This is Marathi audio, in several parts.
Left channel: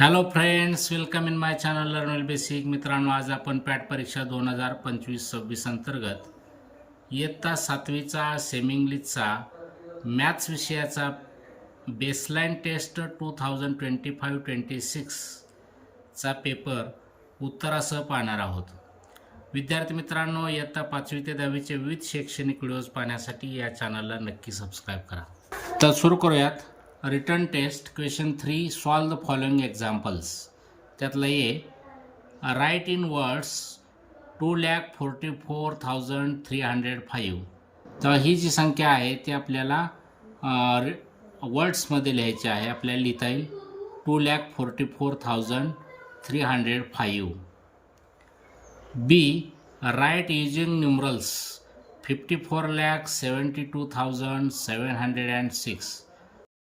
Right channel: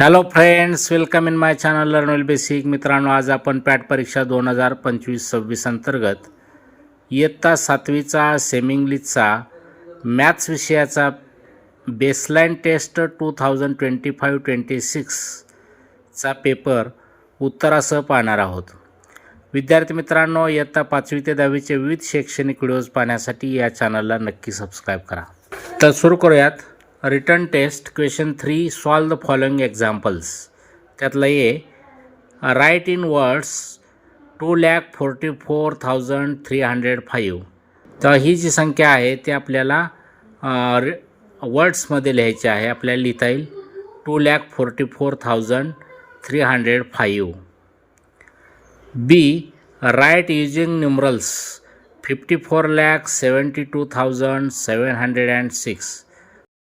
Hello friends, welcome in my channel learn well basic. मित्रांनो, आज आपण पॅट परीक्षा 2025-26 अंतर्गत इयत्ता 7वीचा सेमी इंग्लिशचा मॅथ्स विषयाचा बेसलाईन टेस्ट 2025-26 चा पेपर उत्तरासह पाहणार आहोत. विद्यार्थी मित्रांनो, इयत्ता 5वी ते 10वीचे विविध शैक्षणिक व्हिडिओज पाहण्यासाठी या चॅनलला नक्की सबस्क्राईब करा. तर सुरू करूयात. Return test question 3, solve the following examples. त्यातलं ए, राईट इन वर्ड्स 2,44,305. तर ही जी संख्या आहे ती आपल्याला वर्ड्समध्ये लिहायची आहे. आपल्याला लिहिता येईल 2,44,305. बी, राईट युजिंग न्यूमरल्स 54,72,706.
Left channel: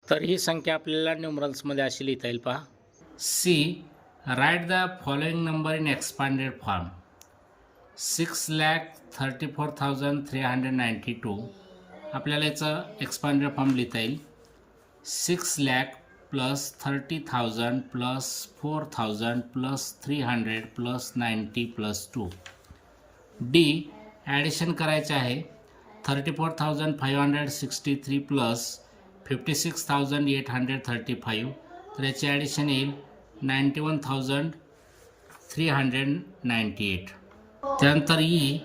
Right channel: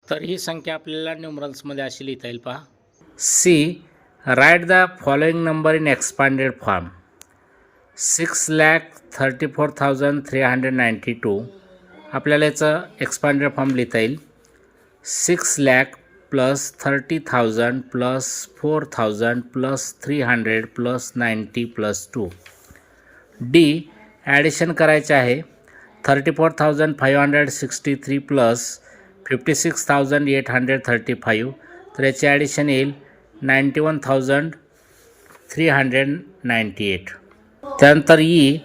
तर ही संख्या आपल्याला न्यूमरल्समध्ये अशी लिहिता येईल पहा. C, write the following number in expanded form 6,34,392. आपल्याला याचं एक्सपांडेड फॉर्म लिहिता येईल 6,00,000 plus 30,000 plus 4,000 plus 300 plus 90 plus 2. D, addition करायचे आहे 34,563 प्लस 56,835. तर याचे ॲडिशन येईल 91,398. त्यानंतर ई,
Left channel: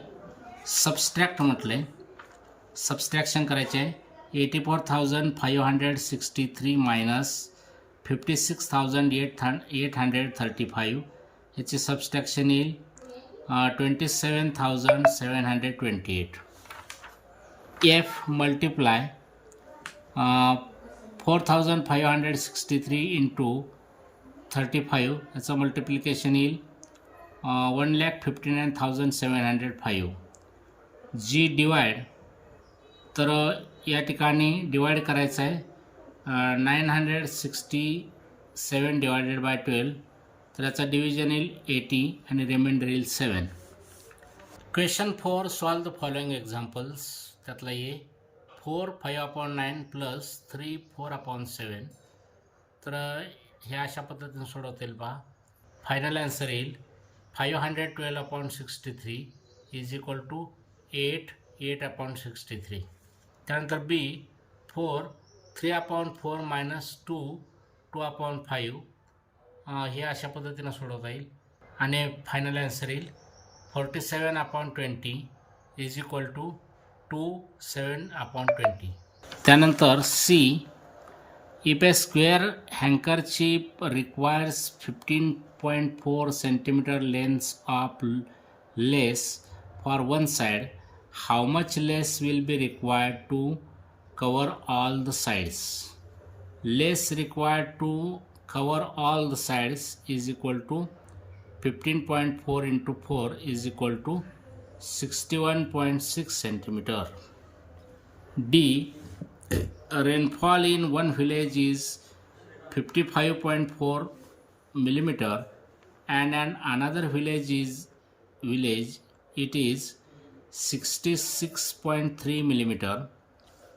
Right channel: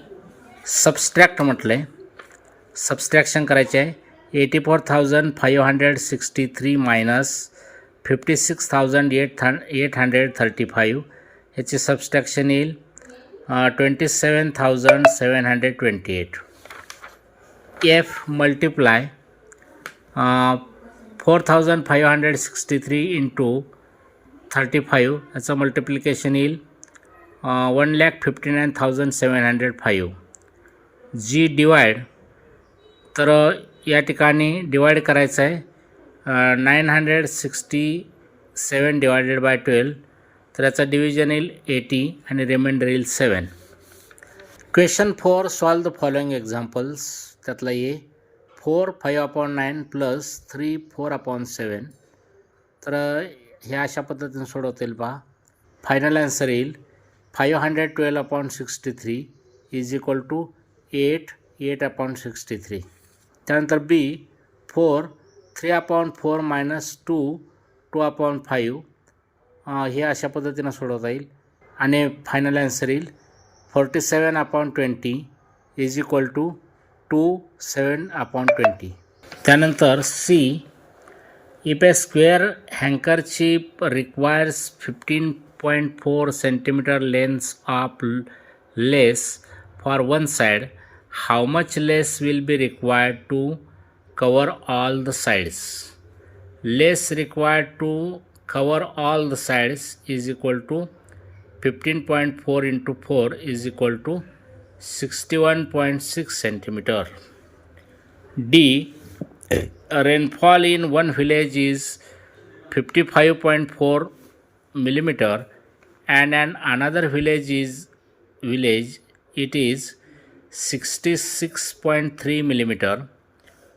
सबस्ट्रॅक्ट म्हटलं आहे. सबस्ट्रॅक्शन करायचे आहे 84,563 मायनस 56,835. याचे सबस्ट्रॅक्शन येईल 27,728. F, multiply 4,563 into 35. याचं मल्टिप्लिकेशन येईल 1,59,705. जी, डिवाइड. तर या ठिकाणी डिवाइड करायचं आहे 967 डिवायडेड बाय 12. तर याचा डिव्हिजन येईल 80 आणि रिमाइंडर येईल 7. Question 4, solve the following examples. त्यातला ए, 4 5/9 प्लस 3 4/7. तर हे अशा पद्धतीने सोडवता येईल पहा. फायनल आन्सर येईल 512/63 इज इक्वल टू 8 8/63. त्यानंतर बी, 4 3/4 मायनस 2 2/5. हे अशा पद्धतीनं सोडवता येईल आणि फायनल आन्सर येईल 47/20 इज इक्वल टू 2 7/20. त्यानंतर C, if a square handkerchief requires 15.4 centimetre length of lace for one side, how much lace will be required to cover all the sides. Lace required to cover all the sides is equal to 15.4 into 4 is equal to 61.6 centimeter. D, rainfall in one village is 55.4 millimeter and in another village it is 66.3 millimeter.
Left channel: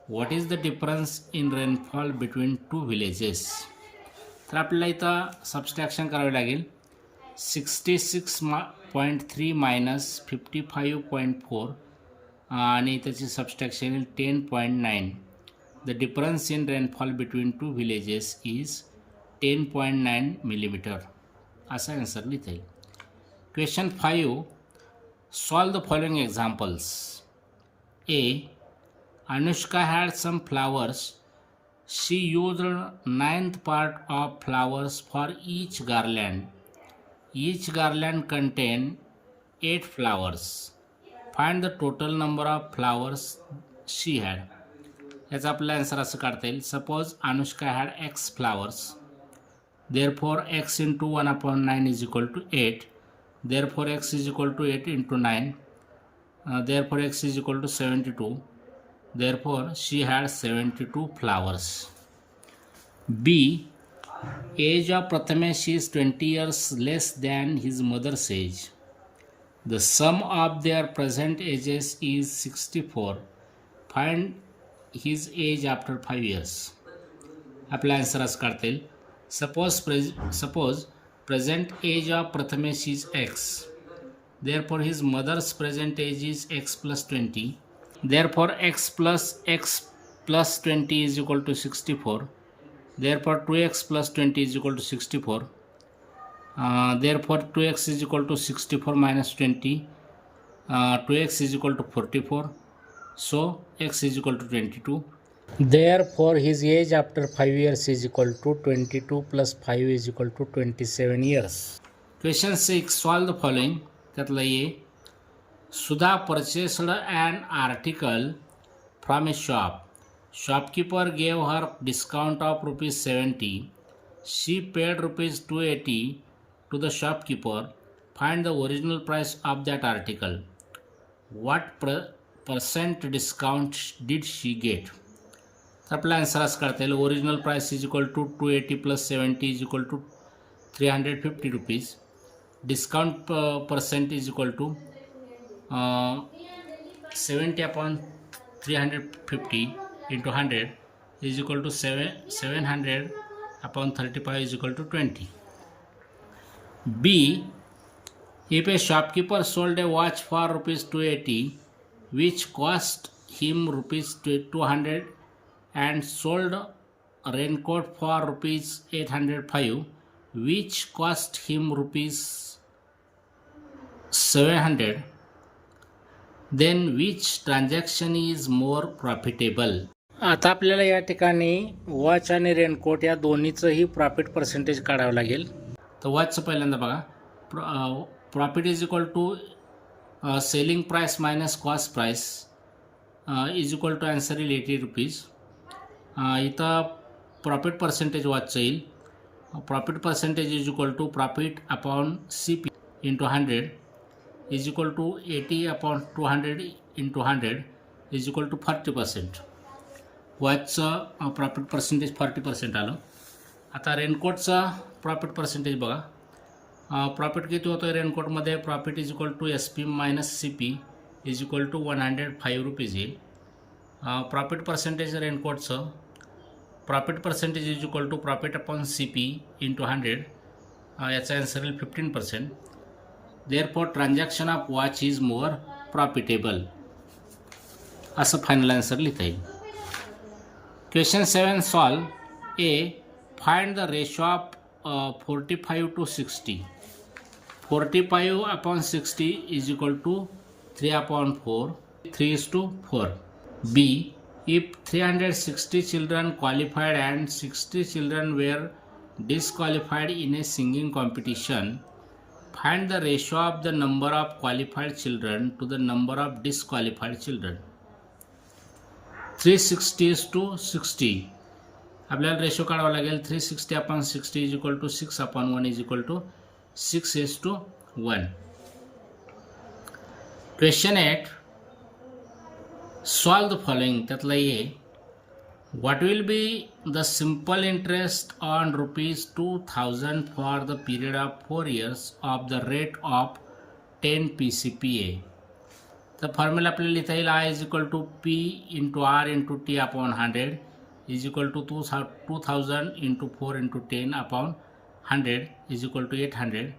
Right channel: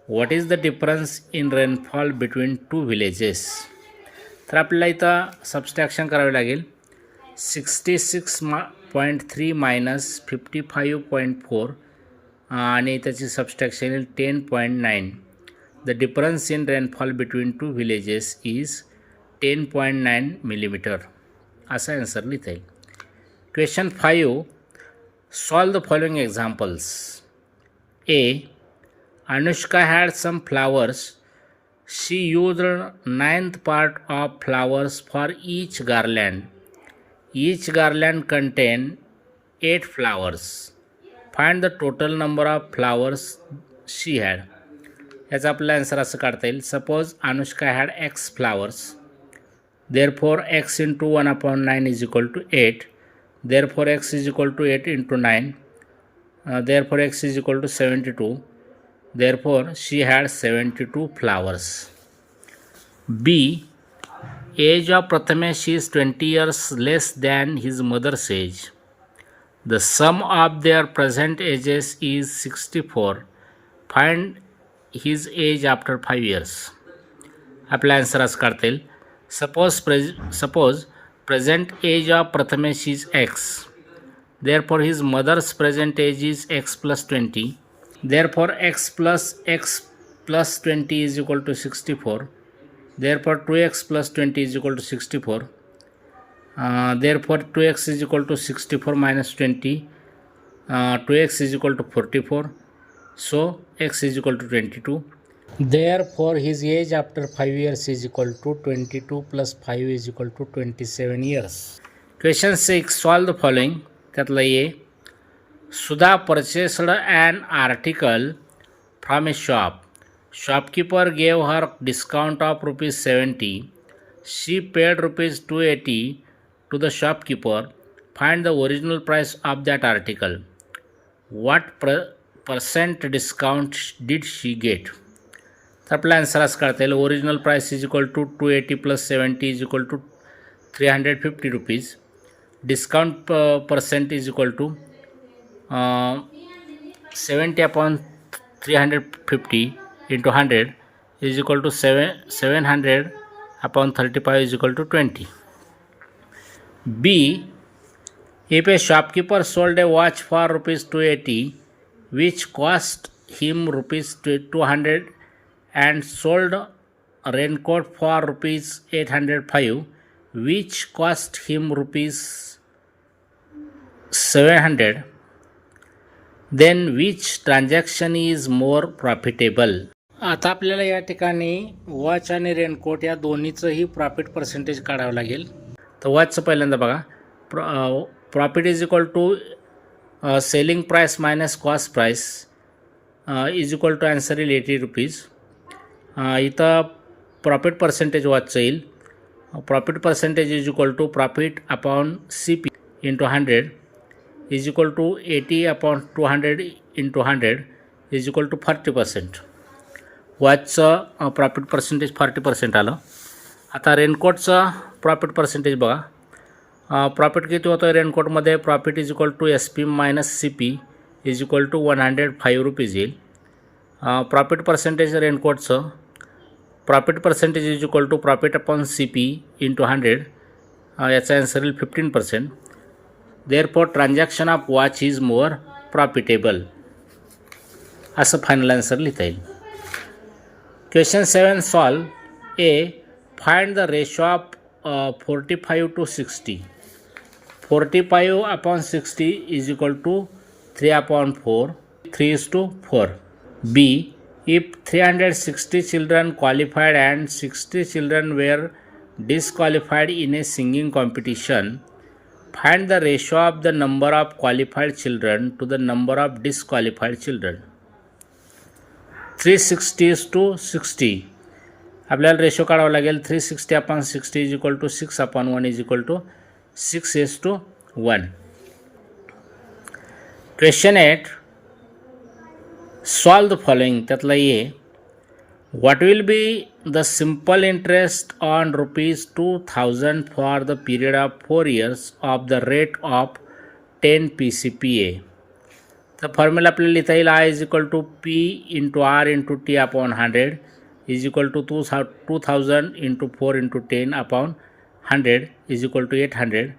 What is the difference in rainfall between two villages? तर आपल्याला इथं सबस्ट्रॅक्शन करावे लागेल 66.3 मायनस 55.4 आणि त्याची सबस्ट्रॅक्शन येईल 10.9. The difference in rainfall between two villages is 10.9 millimetre. असा आन्सर लिहिता येईल. Question 5, solve the following examples. A, Anushka had some flowers. She used 9th part of flowers for each garland. Each garland contained 8 flowers. Find the total number of flowers she had. याचा आपला आन्सर असं काढता येईल. Suppose Anushka had x flowers. Therefore x into 1/9 is equal to 8. Therefore x is equal to 8 into 9. Therefore x is equal to 72. Therefore she had 72 flowers. B, age of Prathamesh is 20 years less than his mother's age. The sum of their present ages is 64. Find his age after 5 years. आपला आन्सर असं काढता येईल Suppose present age of Prathamesh is x. Therefore, his mother's present age is x plus 20. Therefore, x plus 20 is equal to 64. Therefore, 2x plus 20 is equal to 64. Therefore, 2x is equal to 64 minus 20. 2x is equal to 44. So, x is equal to 22. Therefore, his age after 5 years is equal to 22 plus 5 is equal to 27 years. Question 6. Solve the following. त्यातला A. Sudha purchased an article from a shop. Shopkeeper gave her discount of rupees 70. She paid rupees 280 to the shopkeeper. Find the original price of that article. What percent discount did she get? तर आपला आन्सर असं काढता येईल. Original price is equal to 280 plus 70 is equal to 350 rupees. Discount percent is equal to 70 upon 350 into 100 is equal to 700 upon 35 is equal to 20. B. If a shopkeeper sold a watch for rupees 280 which cost him rupees 200 and sold a raincoat for rupees 805 which cost him rupees 700, then which transaction is more profitable? आता आपल्याला या ठिकाणी वॉच आणि रेनकोट या दोन्हीचंही प्रॉफिट पर्सेंटेज काढावं लागेल. तर वॉचचं पहिल्यांदा बघा. Profit is equal to selling price minus cost price is equal to answer येईल 80 रुपीज. इथं प्रॉफिट पर्सेंटेज वॉचचं येईल. Profit percentage is equal to profit upon CP into 100 is equal to 80 upon 200 into 100 is equal to 40%. वॉचचं प्रॉफिट पर्सेंटेज 40% आलं. आता रेनकोटचं प्रॉफिट पर्सेंटेज बघा. प्रॉफिट किती होतं रेनकोटमध्ये? Profit is equal to SP minus CP is equal to 105 rupees येईल. प्रॉफिट पर्सेंटेज रेनकोटचं profit percentage is equal to profit upon CP into 100 याचा आन्सर येईल 15%. Therefore transaction of watch is more profitable असं फायनल आन्सर लिहिता येईल. Question 7 solve. A. Find the ratio of 45 to 60. 45 upon 60 is equal to 3 upon 4. 3 is to 4. B. If 360 children qualified and 60 children were disqualified in a singing competition, find the ratio of the number of qualified children to the number of disqualified children. 360 is to 60. आपल्याला रेशो काढावा लागेल. 360 upon 60 is equal to 6 upon 1 is equal to 6:1. Question 8 solve the following. त्यातला A. What will be the simple interest on rupees 2000 for the period of 4 years of the rate of 10 PCPA. तर फॉर्म्युला आपल्याला लिहिता येईल. I is equal to P into R into T upon 100 is equal to 2000 into 4 into 10 upon 100 is equal to 800.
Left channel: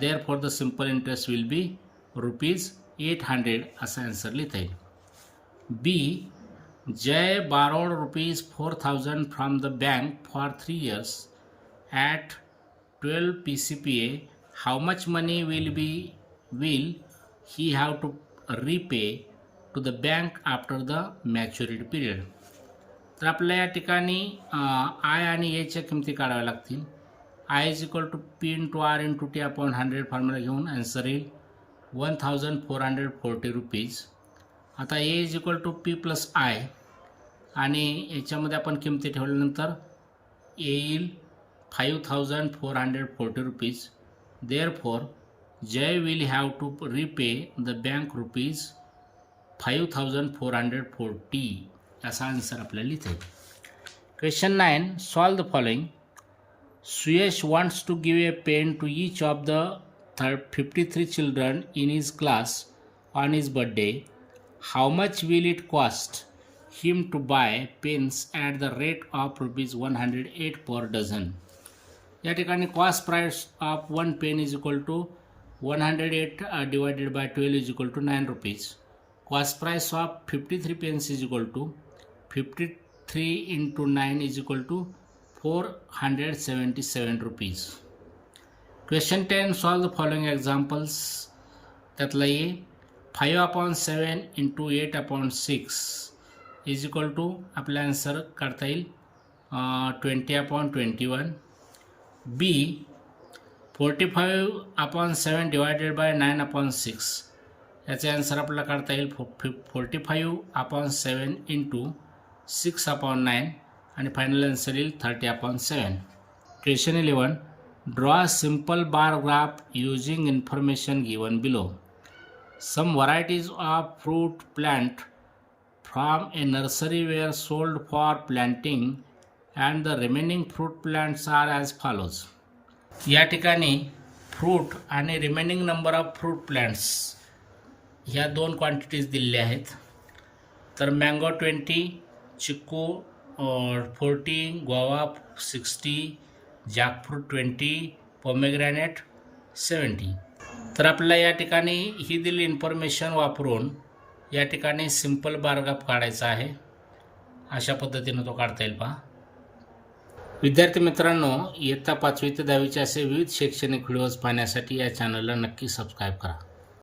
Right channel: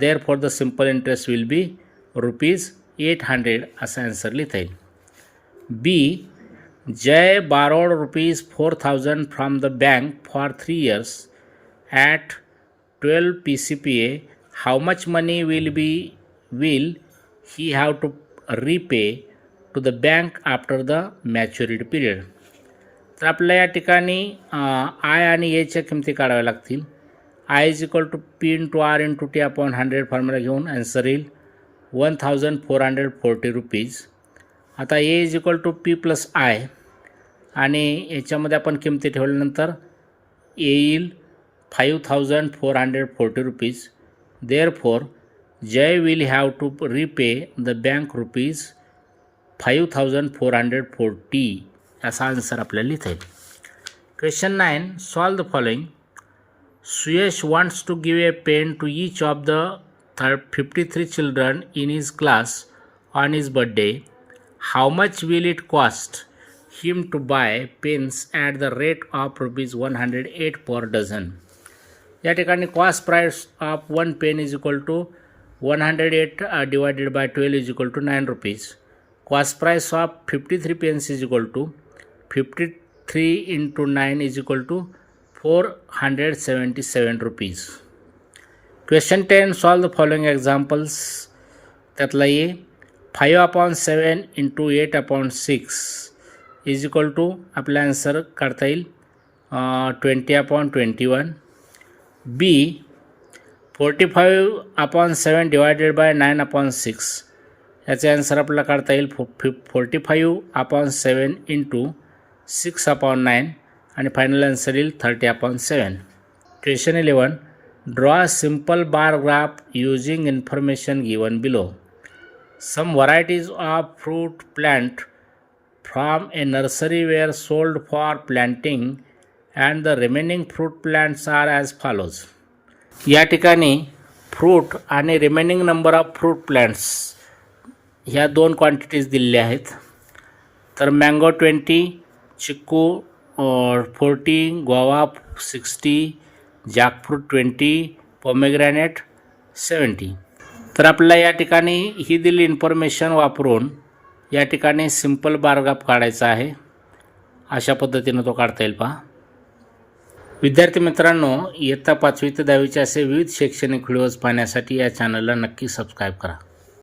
Therefore, the simple interest will be rupees 800 असा आन्सर लिहिता येईल. B. Jay borrowed rupees 4000 from the bank for 3 years at 12 PCPA. How much money will he have to repay to the bank after the maturity period? तर आपल्याला या ठिकाणी I आणि Aच्या किमती काढाव्या लागतील. I is equal to P into R into T upon 100 formula घेऊन आन्सर येईल 1440 रुपीज. आता A is equal to P plus I आणि याच्यामध्ये आपण किमती ठेवल्यानंतर A येईल 5440 रुपीज. Therefore Jay will have to repay the bank rupees 5440 असा आन्सर आपल्याला लिहिता येईल. Question 9 solve the following. Suyash wants to give a pen to each of the 53 children in his class on his birthday. How much will it cost him to buy pens at the rate of rupees 108 per dozen. या ठिकाणी cost price of 1 pen is equal to 108 divided by 12 is equal to 9 rupees. Cost price of 53 pens is equal to 53 into 9 is equal to 477 rupees. Question 10. Solve the following examples. त्यातला ये 5/7 into 8/6 is equal to आपला आन्सर काढता येईल 20/21. B 45/7 डिवायडेड बाय 9/6 याचे आन्सर आपल्याला काढता येईल 45/7 इंटू 6/9 आणि फायनल आन्सर येईल 30/7. Question 11. Draw a simple bar graph using information given below. Some varieties of fruit plant from a nursery were sold for planting and the remaining fruit plants are as follows. या ठिकाणी फ्रूट आणि remaining number of fruit plants ह्या 2 क्वांटिटीज दिलेल्या आहेत. तर mango 20, chikoo 40, guava 60, jackfruit 20, pomegranate 70. तर आपल्याला या ठिकाणी ही दिलेली इन्फॉर्मेशन वापरून या ठिकाणी सिंपल बारग्राफ काढायचा आहे. अशा पद्धतीनं तो काढता येईल पहा. विद्यार्थी मित्रांनो, इयत्ता 5वी ते 10वीचे असे विविध शैक्षणिक व्हिडिओज पाहण्यासाठी या चॅनलला नक्की सबस्क्राईब करा.